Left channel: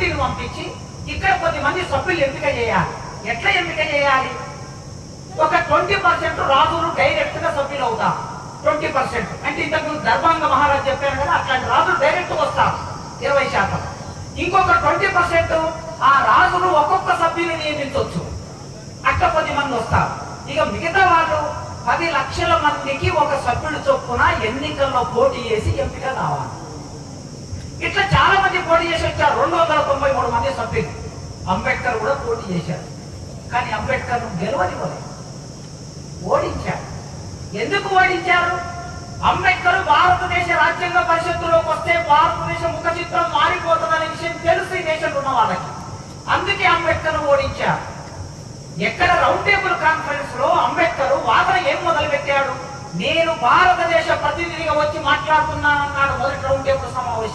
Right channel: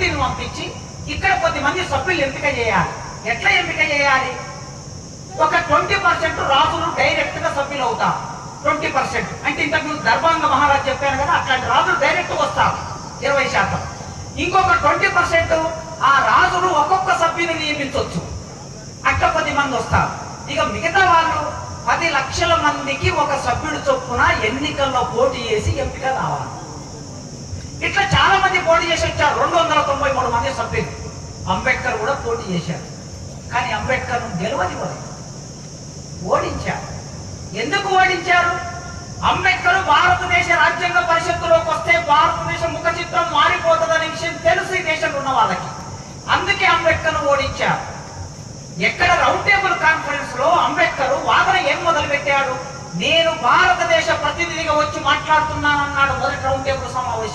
కమిటీని పంపించి ఇక్కడ కొద్దిమంది సభ్యులు ఎంపిక చేయాలి. ఎట్లా ఎంపిక చేయాలి? ఒక 20% రాజులు డైరెక్ట్ గా సభ్యులు అవుతారు. 20% అంటే ఇంతకు దర్బాంగ మహారాజ్ చెప్పారు కదా, అట్లాంటి రాజులు డైరెక్ట్ వస్తారు 20%. ఇంకొక 20% ఆ రాజులు ఒక్కొక్క సభ్యుని నియమించవచ్చు. అట్లా 10 మంది వస్తారు. ఇక మిగతా వాళ్ళు 10 లక్షల మందికి ఒక సభ్యుడు చొప్పున ఎన్నికల్లో పోటీ చేసి ఎంపిక కావాలి. ఇట్లా చాలా మంది పోటీ చేసి వచ్చారు. 293 మంది సభ్యులు. అంబేద్కర్ కూడా పోటీ చేశారు. కానీ అంబేద్కర్ గెలవనివ్వలేదు, ఓడించారు. ఎందుకు ఓడించారు? అంబేద్కర్ భారతదేశ రాజ్యాంగ పరిషత్తులోకి వస్తే భారతదేశ ముఖ చిత్రం మారిపోతుందనే విషయం తెలుసు ఈ దేశంలో ఉన్న వాళ్ళకి. అందుకే అంబేద్కర్ ఓడించారు. ఎక్కడ రౌండ్ టేబుల్ కాన్ఫరెన్స్ లో అంబేద్కర్ వాదన ఏం మొదలు పెట్టాడు? నేను భారతదేశ ప్రతినిధిగా వచ్చి మాట్లాడుతున్నానన్నాడు మొదటి రౌండ్ టేబుల్ సమావేశం.